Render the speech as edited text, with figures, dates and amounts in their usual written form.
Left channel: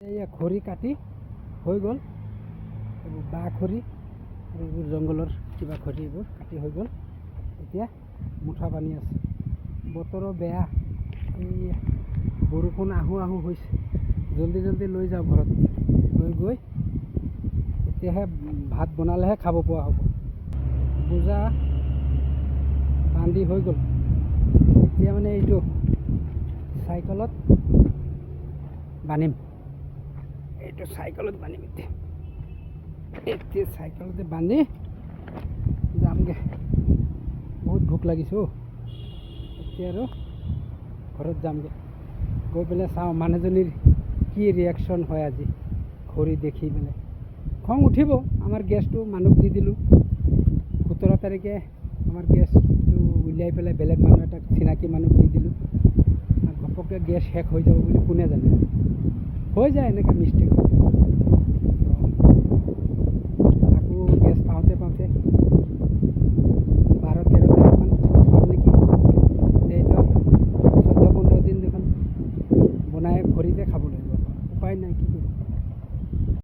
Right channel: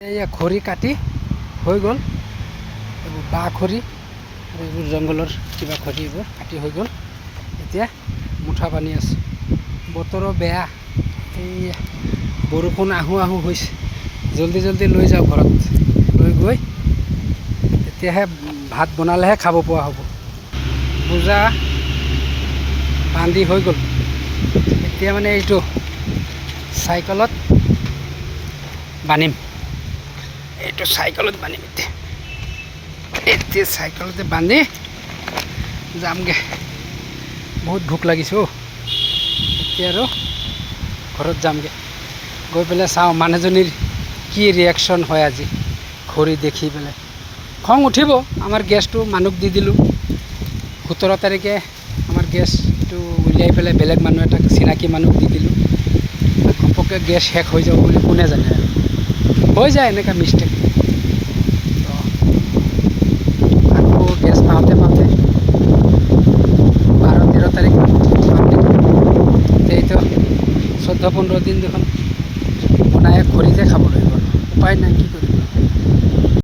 এয়া খৰি কাটি হৈ গ'ল। এইবোৰ বাঁহ খৰি আৰু এইবোৰ জংঘলৰ কিবা খৰি এইবোৰ কাটি হৈ গ'ল। এতিয়া মুঠা বানি আছে। বতৰো বেয়া, এই বৰষুণ আহোঁ আহোঁ হৈছে। জলদি জলদি লৈ যাওঁ ঘৰত, লৈ গৈ তেতিয়াহে ভাত বনালেহে খাব পৰা হ'ব। বোজা বান্ধি হৈ গ'ল। এতিয়া মানে এইটো চাইকেলত বান্ধিম, এইটো চাইকেলত বান্ধিম। এতিয়া চাইকেলতে বান্ধি যামগৈ। বহুত ভোক লাগিছে অ'। এতিয়া আৰু ঘৰত যামগৈ, গৈ পেলাই চাওঁ মানুহজনীৰ কি ৰিয়েকশ্যন হয় আজি খৰি দেখি পেলাই। খং উঠিব, আমাৰ গেছটো মানুহক দি দিলোঁ। 17 তাৰিখে আমাৰ গেছটো উলিয়াই পেলাই বেলেগ মানুহ এটাক চিনাকি মানুহক দি দিলোঁ। ঘপককৈ গেছ শেষ হৈ যাব বুলি কোনে জানে আৰু, হৈ যায় এনেকুৱা মিষ্টেক। আকৌ গেছ পাওঁতে 12-13 তাৰিখ এইটো 14-15 দিন দেখোন বনাই খৰিতে খাব লাগিব। উপায় নাই, কি কৰিম।